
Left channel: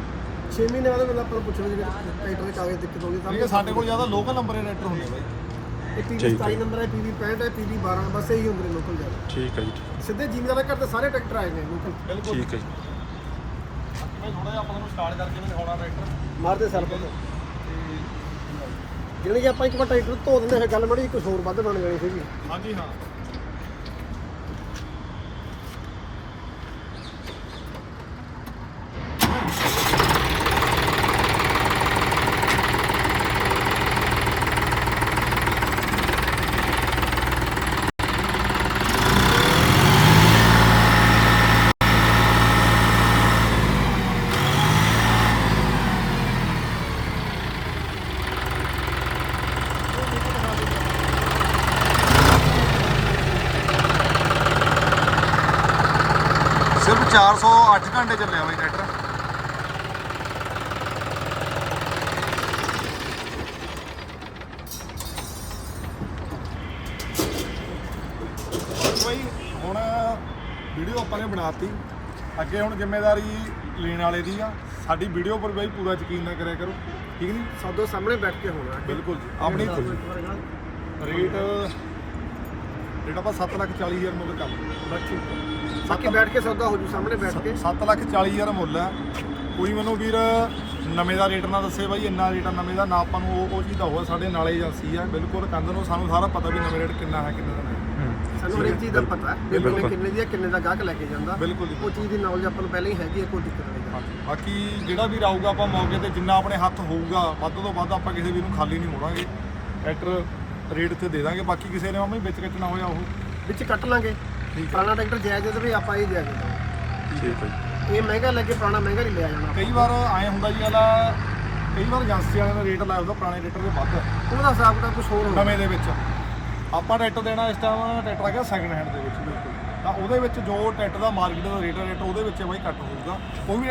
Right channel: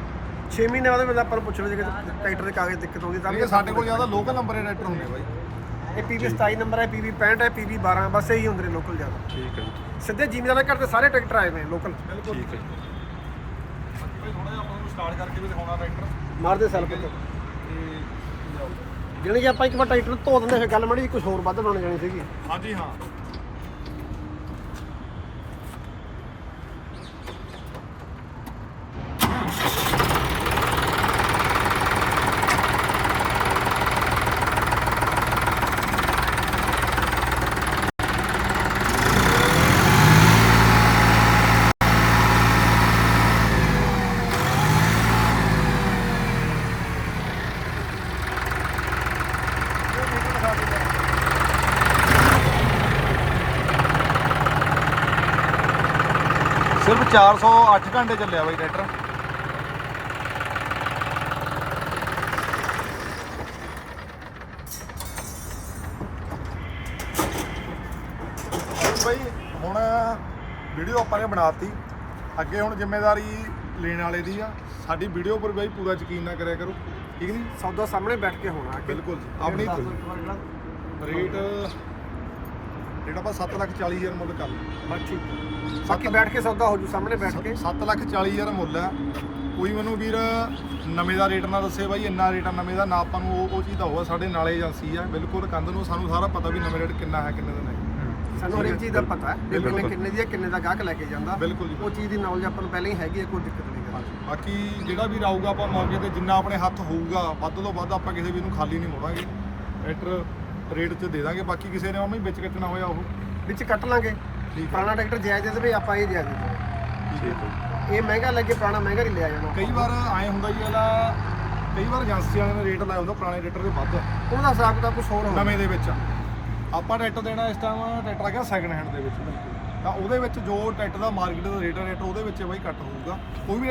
Speaker 1: 6 ਮਹੀਨੇ ਬਾਅਦ ਮੈਨੂੰ ਆਪਾਂ ਨੂੰ ਪੁੱਛ ਲਓ ਜੇ ਟਰੈਕਟਰ ਦੇ ਕਾਗਜ਼ ਦਿੱਕਤ ਆਉਂਦੀ ਤਾਂ
Speaker 2: ਇਹ ਸਾਡੇ ਕੋਲ ਜ਼ਿਆਦਾ ਲੋਕਲ ਨੰਬਰ ਦੇ ਟਰੈਕਟਰ ਹੁੰਦੇ ਬਾਈ।
Speaker 1: ਇਹ ਪੀਵੀ 27 ਨੰਬਰ ਹੈ ਪੀਵੀ 65 ਹੈ ਪੀਵੀ 12 ਬਸ ਇਹੀ ਹੁੰਦੇ ਨੇ ਲੋਕਲ ਜ਼ਿਆਦਾ।
Speaker 3: ਠੀਕ ਹੈ ਜੀ।
Speaker 1: ਸਿੱਧੇ ਜ਼ਿਮੀਦਾਰਾਂ ਘਰ ਦੇ ਸਾਰੇ ਟਰੈਕਟਰ ਆਏ ਹੋਏ ਲੋਕਲ
Speaker 2: ਬਿਲਕੁਲ
Speaker 3: ਠੀਕ ਹੈ ਜੀ।
Speaker 2: ਥੋੜਾ ਜਿਹਾ ਆਪਾਂ ਨੂੰ ਸਟਾਰਟ ਕਰਕੇ ਵੀ ਦਿਖਾਉਣਾ ਟਰੈਕਟਰ
Speaker 1: ਮਾਰਦੇ ਸੈਲ
Speaker 2: ਠੀਕ ਹੈ ਜੀ। ਤੇ ਲਿਆਓ।
Speaker 1: ਜਿਹੜੇ ਕਿ ਆਪਾਂ ਇੱਕ ਵਾਰ ਟਰੈਕਟਰ ਧੋ ਦਿੰਦੇ ਫਿਰ ਗੱਲ ਮੜੀ ਕੁਝ ਹੋਰ ਵੱਧ ਲਾਉਣ ਜਾਣੀ ਸੀਗੀ।
Speaker 2: ਹਾਂਜੀ ਹਾਂ। ਸਿਰਫ 408 ਘੰਟੇ ਚੱਲਿਆ ਬਾਈ ਟਰੈਕਟਰ। ਬਾਈ ਹੁਣ ਵੀਡੀਓ ਆਪਾਂ ਨੇ ਬਣਾਤੀ। ਅੱਗੇ ਹੁਣ ਜ਼ਿੰਮੇਵਾਰੀ ਲੈਣ ਵਾਲੇ ਦੀ ਆ। ਸਾਡੀ ਵੀਡੀਓ ਪਰ ਬਾਈ ਪੂਰਾ ਯਕੀਨ ਨਾ ਕਰਿਆ ਕਰੋ। ਠੀਕ ਨਹੀਂ
Speaker 1: ਸੌਦਾ ਸਾਹਮਣੇ ਬੈਠ ਕੇ ਹੋਣਾ।
Speaker 2: ਬਿਲਕੁਲ ਜੀ। ਆਪਣੀ ਰੇਟ ਰੇਟ ਆਪਾਂ 7 ਲੱਖ 40 ਹਜ਼ਾਰ ਮੁੱਲ ਕਰ ਲਓ।
Speaker 1: ਬਸ ਠੀਕ ਹੈ। ਬਾਕੀ ਬੈਠ ਕੇ ਸੌਦਾ ਹੋ ਜੂ ਸਾਹਮਣੇ ਬੈਠ ਕੇ।
Speaker 2: 7 ਲੱਖ 40 ਹਜ਼ਾਰ ਮੁੱਲ ਹੈ। ਕੋਈ ਮੈਨੂੰ ਵੀਰ ਨਵੇਂ ਦਾ ਰੇਟ ਨਾ ਦੱਸੇ ਬਾਈ ਇੰਨਾ ਰੇਟ ਆ ਨਵੇਂ ਦਾ ਨਾ ਆਪਾਂ ਨੂੰ ਉਹ ਉਹ ਚੀਜ਼ ਦਾ ਹੋਆ ਸਾਡੇ ਨਾਲੇ ਏਜੰਸੀ ਆ। ਬਿਲਕੁਲ ਕੰਧ ਨੂੰ ਸਾਨੂੰ ਸਾਰਾ ਪਤਾ ਵੀ ਨਵੇਂ ਰੇਟ ਕਿੰਨਾ ਹੈ ਕਿੰਨੇ ਦਾ ਨਹੀਂ।
Speaker 1: ਸਾਨੂੰ ਹਰੇਕ ਚੀਜ਼ ਦਾ। ਪਤਾ ਵੀ ਕੋਲੇ
Speaker 3: ਬਿਲਕੁਲ।
Speaker 1: ਕਿੰਨੇ ਦੀ ਹੈ ਕਿੰਨੇ ਦਾ ਗਾਹਕ ਲੈ ਕੇ ਜਾਂਦਾ।
Speaker 2: ਬਿਲਕੁਲ ਜੀ।
Speaker 1: ਉਹ ਚੀਜ਼ ਦੀ ਨੌਲੇਜ ਆਪਾਂ ਨੂੰ ਪਹਿਲਾਂ ਹੀ ਹੈਗੀ ਹੈ ਕੋਈ ਦਿੱਕਤ ਨਹੀਂ ਹੈ।
Speaker 2: ਬਾਕੀ ਜਿਹੜਾ ਵੀਰ ਆਊਗਾ ਆਪਾਂ ਮੌਕੇ ਤੇ ਜਿੰਨਾ ਆਪਣੇ ਹੱਥ ਹੋਊਗਾ ਵੱਧ ਤੋਂ ਵੱਧ ਆਪਾਂ ਕਿਸੇ ਵੀਰ ਨੂੰ ਖਾਲੀ ਨਹੀਂ ਮੋੜਾਂਗੇ। ਟਰੈਕਟਰ ਰੇਟ ਤੇ ਦੇ ਦਾਂਗੇ ਬਾਕੀ ਕਿਸੇ ਨੇ ਮਾਮਾ ਹੀ ਵਿੱਚ ਕੱਟਣਾ ਹੋਇਆ ਉਹ
Speaker 1: ਵਿੱਚ ਕੱਟ ਲਾਂਗੇ। ਪੁਰਾਣਾ ਟਰੈਕਟਰ ਜਾਇਜ਼ ਦੇ ਵੀ ਆਪਾਂ ਇਹ ਦਿਆ ਜੀ
Speaker 3: ਠੀਕ ਹੈ ਜੀ।
Speaker 1: ਇਹ ਮਹਿੰਗਾ ਲੱਗੇ ਪੁਰਾਣਾ ਮਹਿੰਗਾ ਨਹੀਂ ਲਿਆ ਜਾਣਾ
Speaker 2: ਕਈ ਵਾਰ ਐ ਹੁੰਦਾ ਜੀ ਵਾਲਾ ਕਈ ਵਾਰ ਏਜੰਸੀ ਵਾਲਿਆਂ ਨੇ ਰੇਟ ਲਾਇਆ ਹੁੰਦਾ ਪੁਰਾਣੇ ਰੇਟਰ ਦੇ ਵੱਧ।
Speaker 1: ਉਹਦਾ ਹਿਸਾਬ ਦਾ ਕੁਝ ਹੋਰ ਹੋਣਾ
Speaker 2: ਨਵੇਂ ਦੇ ਵਿੱਚ। ਆਪਾਂ ਟਰੈਕਟਰ ਦੇਣਾ ਇਸ ਟਾਈਮ ਟਰੈਕਟਰ ਆ ਗਿਆ ਸੈਕਿੰਡ ਹੈਂਡ ਦੇ ਵਿੱਚ। ਬਿਲਕੁਲ। ਤਾਂ ਉਹਦੇ ਵਿੱਚ ਜੋ ਟਰੈਕਟਰ ਦਾ ਮਾਰਕੀਟ ਦਾ ਰੇਟ ਰੇਟ ਉਹਦੇ ਵਿੱਚ ਬਾਈ ਘੱਟ ਹੋਊਗਾ। ਕੋਈ ਵੀ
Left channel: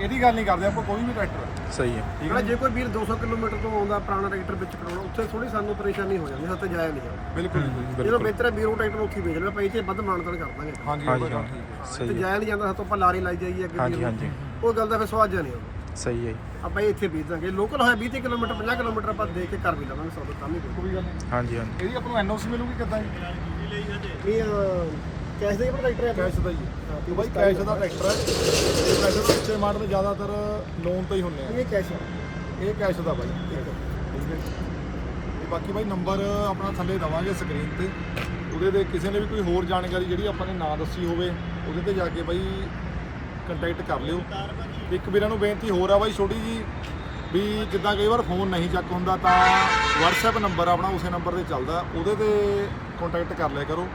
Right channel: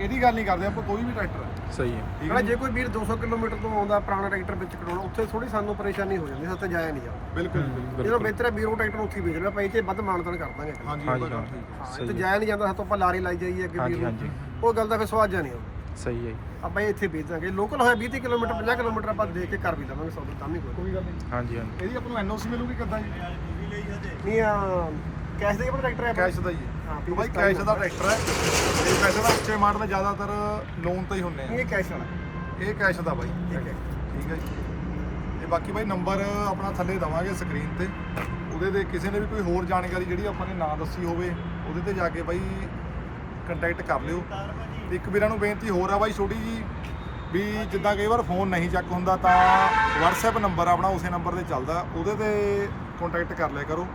Speaker 2: ਇਹਦੀ ਗੱਲ ਨਹੀਂ ਕਰਦੇ ਆਪਾਂ ਕੋਈ ਵੀ ਟਰੈਕਟਰ।
Speaker 3: ਸਹੀ ਹੈ।
Speaker 2: ਠੀਕ ਹੈ
Speaker 1: ਜੇ? ਕੋਈ ਵੀਰ 200 ਕਿਲੋਮੀਟਰ ਤੋਂ ਆਉਂਦਾ ਪੁਰਾਣਾ ਟਰੈਕਟਰ ਵਿੱਚ ਕਰਾਉਣਾ ਉੱਥੇ ਥੋੜੀ ਸਾਨੂੰ ਪਰੇਸ਼ਾਨੀ ਹੋ ਜਾਂਦੀ ਸੱਤ ਜਾਇਆ ਨਹੀਂ ਜਾਂਦਾ।
Speaker 2: ਬਿਲਕੁਲ।
Speaker 1: ਇਹਨੂੰ ਬਿਹਤਰ ਹੈ ਵੀਰ ਉਹ ਟਰੈਕਟਰ ਉੱਥੇ ਹੀ ਵੇਚ ਲਿਆ ਭਾਈ ਤੇ ਵੱਧ ਮਾਨਤਾਨ ਕਰ ਦਾਂਗੇ ਆਪਾਂ।
Speaker 2: ਹਾਂਜੀ
Speaker 3: ਹਾਂਜੀ
Speaker 2: ਤਾਂ
Speaker 3: ਹਾਂ
Speaker 1: ਤੇ
Speaker 3: ਸਹੀ ਹੈ।
Speaker 1: ਜਾਇਆ ਨਹੀਂ ਜਾਂਦਾ ਸਾਤੋਂ ਆਪਾਂ ਲਾਰੇ ਲਾਈ ਜਾਈਏ ਅੱਗੇ
Speaker 3: ਹਾਂਜੀ
Speaker 1: ਵੀਰ ਨੂੰ।
Speaker 3: ਹਾਂਜੀ।
Speaker 1: ਉਹ ਗੱਲ ਦਾ ਫਿਰ ਸਵਾਦ ਜਾ ਨਹੀਂ ਆਉਂਦਾ।
Speaker 3: ਸਹੀ ਹੈ ਜੀ।
Speaker 1: ਆਪਾਂ ਇਹ ਇੱਥੇ ਵੇਚ ਦਾਂਗੇ। ਲੋਕਲ ਹੋਇਆ 20 ਕਿਲੋਮੀਟਰ 50 ਕਿਲੋਮੀਟਰ ਆਪਾਂ ਦੇ ਕੇ ਕਰ ਵੀ ਲਵਾਂਗੇ ਸੌਦਾ ਕੰਮ ਹੀ ਕੋਈ।
Speaker 2: ਕੋਈ ਗੱਲ ਨਹੀਂ।
Speaker 3: ਹਾਂਜੀ ਹਾਂਜੀ।
Speaker 2: ਇਹਦੀ ਆਪਾਂ ਨੂੰ ਐਨਓਸੀ ਮਿਲੂਗੀ ਕਿੱਦਾਂ ਜੀ?
Speaker 1: ਨਹੀਂ ਆ ਕੈਸ਼ ਦੇ ਪਰ ਟਰੈਕਟਰ ਹੈ।
Speaker 2: ਕੈਸ਼ ਦਾ ਹੈ ਹਾਂ, ਤੇ ਬਾਈ ਕੈਸ਼ ਦਾ ਟਰੈਕਟਰ ਹੈ। ਇਹ ਪੈਸੇ ਦਾ ਉੱਚੇ ਮਾਡਲ ਜ਼ਿਆਦਾਤਰ ਲੋਨ ਤੇ ਹੀ ਹੁੰਨੇ ਆ।
Speaker 1: ਇਹ ਕੈਸ਼
Speaker 2: ਇਹ ਕੈਸ਼ ਦਾ ਬਾਈ।
Speaker 1: ਠੀਕ ਹੈ।
Speaker 2: ਠੀਕ ਹੈ ਤੇ ਬਾਕੀ ਬਾਈ ਨੰਬਰ ਆਪਣਾ ਥੱਲੇ ਦਵਾਂਗੇ ਸਕਰੀਨ ਤੇ। ਉਹਦੇ ਤੇ ਕਿਸੇ ਨੇ ਵੀ ਕੋਈ ਹੋਰ ਜਾਣਕਾਰੀ ਜਿਹੜੀ ਆਪਾਂ ਨੇ ਨਾ ਦੱਸੀ ਹੋਵੇ ਉਹਦੇ ਤੇ ਜਾ ਕੇ ਬਾਈ ਕੰਟੈਕਟ ਕਰ ਲਿਓ। ਤੇ ਇੱਕ ਵੀਰਾਂ ਨੂੰ ਬੇਨਤੀ ਹੋਰ ਆ ਬਾਈ ਛੋਟੀ ਜੀ ਵੀ ਜਿੱਦਾਂ ਕਈ ਵਾਰ ਫੋਨ ਨਹੀਂ ਚੱਕ ਹੁੰਦਾ ਤਾਂ WhatsApp ਨੰਬਰ ਆਪਣਾ ਉਸੇ ਨੰਬਰ ਤੇ ਚੱਲਦਾ। ਉਹਦੇ ਤੇ ਕੰਟੈਕਟ ਕਰ ਲਿਆ ਕਰੋ।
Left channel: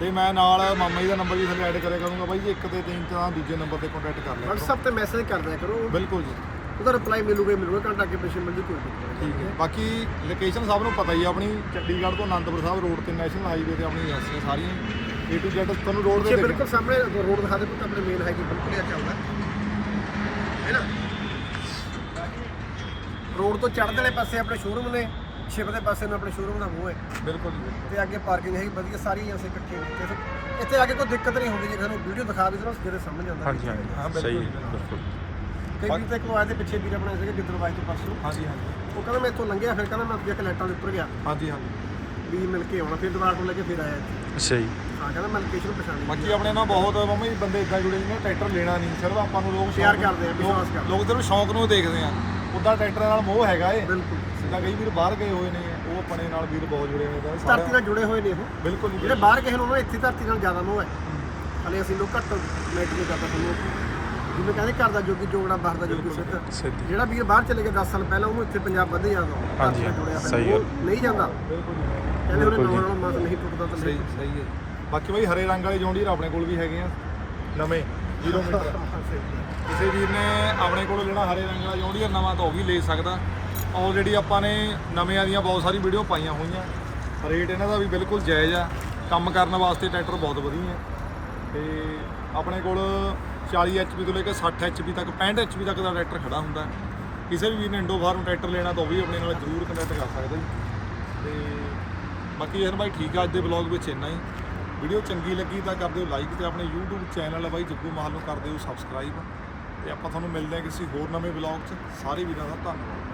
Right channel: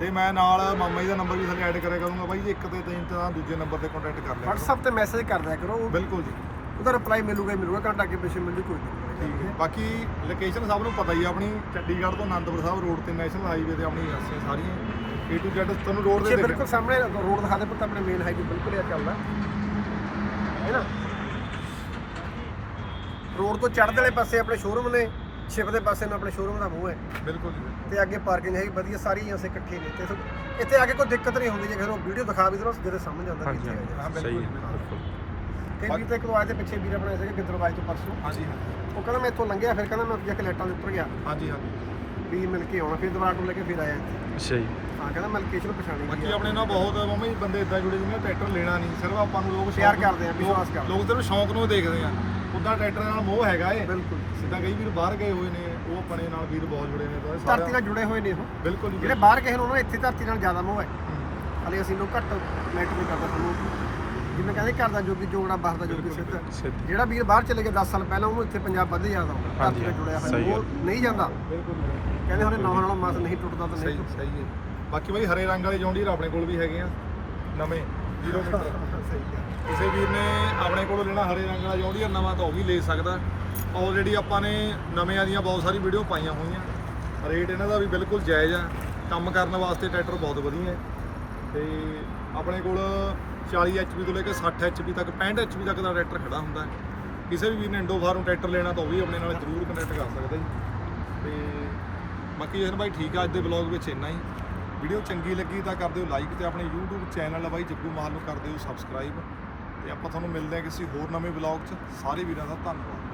Speaker 2: ਤੇ ਮੈਂ ਨਾਲ ਮਾਮਾ ਜੀ ਦਾ ਨੰਬਰ ਵੀ ਥੱਲੇ ਐਡ ਕਰਿਆ ਕਰੂੰਗਾ ਬਾਈ ਜੀ ਇੱਕ ਤੇ ਤਿੰਨ ਤਾਂ ਦੂਜੇ ਨੰਬਰ ਤੇ ਕੰਟੈਕਟ ਕਰ ਲਿਆ ਕਰੋ
Speaker 1: WhatsApp ਤੇ ਮੈਸੇਜ ਕਰ ਦਿਆ ਕਰੋ।
Speaker 2: ਬਿਲਕੁਲ ਜੀ।
Speaker 1: ਉਹਦਾ ਰਿਪਲਾਈ ਮਿਲੂਗਾ ਹੀ ਮਿਲੂਗਾ ਘੰਟਾ ਕੇ ਪਿੱਛੇ ਮਿਲਦੀ ਕੋਈ ਦਿੱਕਤ ਨਹੀਂ
Speaker 2: ਠੀਕ ਹੈ। ਬਾਕੀ ਲੋਕੇਸ਼ਨ ਸਭ ਨੂੰ ਪਤਾ ਹੀ ਆ ਆਪਣੀ ਚੰਡੀਗੜ੍ਹ ਤੋਂ ਆਨੰਦਪੁਰ ਸਾਹਿਬ ਰੋਡ ਤੇ ਨੈਸ਼ਨਲ ਹਾਈਵੇ ਤੇ ਆਪਣੀ ਏਜੰਸੀਆਂ ਸਾਰੀਆਂ A to Z ਤੁਹਾਨੂੰ ਰੋਡ ਤੇ
Speaker 1: ਬਿਲਕੁਲ ਸਾਹਮਣੇ ਰੋਡ ਦਿਖਾ ਦੇ ਪਤਾ ਮੇਰੇ ਮੇਨ ਹਾਈਵੇ ਬਿਲਕੁਲ ਆ ਚੱਲਦਾ। ਹੈ ਨਾ? ਰੋਡ ਤੋਂ ਚੜ੍ਹਦੇ ਵਾਲੇ ਪਾਸੇ ਆਪਣੇ ਸ਼ੋਰੂਮ ਨੇ। ਛਿਪ ਦੇ ਪਾਸੇ ਨੂੰ ਆਪਣੇ ਸ਼ੋਰੂਮ ਦਾ ਮੂੰਹ ਹੈ।
Speaker 2: ਬਿਲਕੁਲ ਜੀ ਬਿਲਕੁਲ।
Speaker 1: ਤੇ ਅੱਗੇ ਪਾਰਕਿੰਗ ਹੈਗੀ ਵਧੀਆ ਸਾਰੀ ਅਸੀਂ ਇਕੱਠੇ ਨੇ। ਤੇ ਇੱਥੇ- ਇੱਥੇ ਆ ਕੇ ਕੋਈ ਦਿੱਕਤ ਨਹੀਂ ਹੁੰਦੀ ਜੇ ਫਿਰ ਉਹ ਵੀਡੀਓ ਦਿਖਾ ਵੀ ਦਰੋ ਜਿਹੜੇ ਸਮਝ ਜਾਂਦਾ
Speaker 3: ਹਾਂਜੀ
Speaker 1: ਕਿੱਥੇ
Speaker 3: ਹਾਂਜੀ।
Speaker 1: ਹੈ।
Speaker 2: ਹਾਂ, ਬਿਲਕੁਲ
Speaker 3: ਸਹੀ
Speaker 2: ਜੀ,
Speaker 3: ਬਿਲਕੁਲ।
Speaker 1: ਕਈ ਵੀ ਤੇ ਕਰਵਾਏ ਤੇ ਪਿੱਛੇ ਵੀਰ ਆਪਣੇ ਸੀਗੇ ਗਿੱਦੜਵਾਜ ਤੋਂ ਪਰਸੋਂ।
Speaker 2: ਹਾਂਜੀ ਹਾਂਜੀ।
Speaker 1: ਉਹ ਕਹਿੰਦਾ ਮੈਂ ਇੱਥੋਂ ਲੰਘਿਆ ਫਿਰ ਕਹਿੰਦਾ ਮੈਂ ਅੱਗੇ ਲਾਈਟਾਂ ਦੇ ਉੱਪਰ ਗਿਆ।
Speaker 2: ਹਾਂਜੀ ਹਾਂਜੀ।
Speaker 1: ਵੀ ਮਿਲ ਕੇ ਆਉਣਾ ਫਿਰ ਦੁਬਾਰਾ ਤੋਂ ਲੈ ਕੇ ਫਿਰ ਆਇਆ ਇੱਥੇ।
Speaker 3: ਅੱਛਾ ਜੀ
Speaker 1: ਹਾਂ ਕਹਿੰਦਾ ਮੈਂ ਲੋਕੇਸ਼ਨ ਪਛਾਣੀ
Speaker 2: ਬਾਕੀ ਆਪਣੇ ਨਾਲ ਬਹੁਤ ਮੰਮੀ ਬੰਦੇ ਇਦਾਂ ਜੁੜੇ ਜਿਹਨੇ ਟਰੈਕਟਰ ਲੈਣਾ ਨਹੀਂ ਸਿਰਫ ਆਪਾਂ ਨੂੰ ਲੋਕ
Speaker 1: ਪਿਆਰ
Speaker 2: ਸ਼ੌਕ-
Speaker 1: ਕਰਦੇ ਆ, ਵਿਸ਼ਵਾਸ ਕਰਦੇ ਆ।
Speaker 2: ਲੋਕ ਸਿਰਫ ਸ਼ੌਂਕ ਨੂੰ ਦੇਖਦੇ ਆ। ਉਦਾਂ ਟਰੈਕਟਰ ਨਾਲ ਮੋਹ ਹੈਗਾ ਏ।
Speaker 1: ਬਿਲਕੁਲ।
Speaker 2: ਜਿੱਦਾਂ ਕਈ ਵੀਰ ਬਾਹਰ ਗਏ ਹੋਏ ਨੇ ਉਹ ਆਪਣੇ ਨਾਲ ਵੀਰ ਬਹੁਤ ਜੁੜੇ ਹੋਏ ਨੇ
Speaker 1: ਧਰਤੀ ਨਾਲ ਜੁੜੇ ਹੋਏ ਨੇ ਉਹ।
Speaker 2: ਬਿਲਕੁਲ ਜੀ
Speaker 1: ਜਿਹੜੇ ਬਾਹਰ ਗਏ ਨੇ ਉਹਨਾਂ ਨੂੰ ਇੱਥੇ ਧਰਤੀ ਨਾਲ ਜ਼ਿਆਦਾ ਮੋਹ ਹੈ। ਹਲੇ ਅਸੀਂ ਲੋਕ ਘੱਟ ਮੈਟਰ ਨਹੀਂ ਕਰਦਾ ਸਾਨੂੰ। ਜਿਵੇਂ ਕਹਿੰਦੇ ਘਰ ਦਾ ਜੋਗੀ ਜੋਗੜਾ ਬਾਹਰ ਦਾ ਜੋਗੀ ਸਿੱਧ।
Speaker 3: ਸਿੱਧੀ।
Speaker 1: ਜਿਹੜਾ ਵੀਰ ਬਾਹਰ ਚਲੇ ਗਿਆ 10 ਸਾਲ ਪਹਿਲਾਂ ਉਹਨੂੰ ਇੱਥੇ ਪੰਜਾਬ ਵੱਧ ਜ਼ਿਆਦਾ ਆਉਂਦਾ
Speaker 3: ਹਾਂਜੀ,
Speaker 1: ਜੁੜਿਆ ਹੋਇਆ। ਉਹ ਨਹੀਂ ਜਾਂਦਾ।
Speaker 2: ਬਿਲਕੁਲ ਜੀ
Speaker 1: ਕਹਿੰਦੇ ਉਹਨੇ ਨਵਾਂ। ਨਾਲੋਂ ਮਸ ਨਹੀਂ ਟੁੱਟਦਾ ਤਾਂ ਨਹੀਂ
Speaker 2: ਸਹੀ ਹੈ। ਬਾਕੀ ਬਾਈ ਹਰੇ ਰੰਗ ਵਾਲੇ ਜੌਂਡੀਰ ਆਪਣੇ ਕੋਲ ਵੀ ਹੈਗੇ ਆ ਨਵੇਂ। 0 ਮੀਟਰ ਕਿਸੇ ਵੀਰ ਨੇ ਆਪਣੇ ਕੋਲੋਂ ਲੈਣਾ ਹਰੇ ਰੰਗ ਵਾਲਾ ਜੌਂਡੀਅਰ ਨਵਾਂ ਤਾਂ ਉਹ ਵੀ ਲੈ ਸਕਦਾ। ਆਲਰੇਡੀ ਆਪਾਂ ਨੇ ਨਵਿਆਂ ਦੀਆਂ ਬਹੁਤ ਸਾਰੀ ਵੀਡੀਓ ਪਾਈਆਂ ਹੋਈਆਂ। ਰੇਟ ਇਹਨਾਂ ਦਾ ਵੀ ਬਿਲਕੁਲ ਜਾਇਜ਼ ਆ। ਕੰਮ ਕਰਨ ਵਾਸਤੇ ਟਰੈਕਟਰ ਬਹੁਤ ਵਧੀਆ ਨੇ। ਤੇ ਆਪਣੇ ਕੋਲ 40 HP ਤੋਂ ਲੈ ਕੇ 60 HP ਤੱਕ 65 HP ਤੱਕ ਦਾ ਟਰੈਕਟਰ ਖੜਾ ਹੁੰਦਾ। ਕਿਸੇ ਵੀ ਵੀਰ ਨੇ ਇੰਡੋ ਫਾਰਮ ਟਰੈਕਟਰ ਲੈਣਾ ਤਾਂ ਉਹ ਵੀ ਆਪਣੇ ਨਾਲ ਜ਼ਰੂਰ ਕੰਟੈਕਟ ਕਰ ਸਕਦਾ ਜੀ। ਤੇ ਬਾਕੀ ਜਸ਼ਨ ਭਾਈ, ਠੀਕ ਆ, ਅੱਜ ਦੇ ਵਲੌਗ ਵਿੱਚ ਇੰਨਾ ਹੀ। ਵੀਡੀਓ ਚੰਗੀ ਲੱਗੀ ਤਾਂ ਕਰ ਦਿਓ ਲਾਈਕ ਤੇ ਆਪਣੇ YouTube ਚੈਨਲ ਬਾਈ, ਜੱਗੂ ਮਾਹਲ ਨੂੰ ਕਰ ਦਿਓ ਸਬਸਕ੍ਰਾਈਬ ਤੇ ਆਪਾਂ ਤੁਹਾਨੂੰ ਮਿਲਦੇ ਹਾਂ ਕਿਸੇ ਹੋਰ ਨਵੇਂ ਵਲੌਗ 'ਚ। ਸਾਰੇ ਵੀਰਾਂ ਦਾ ਧੰਨਵਾਦ।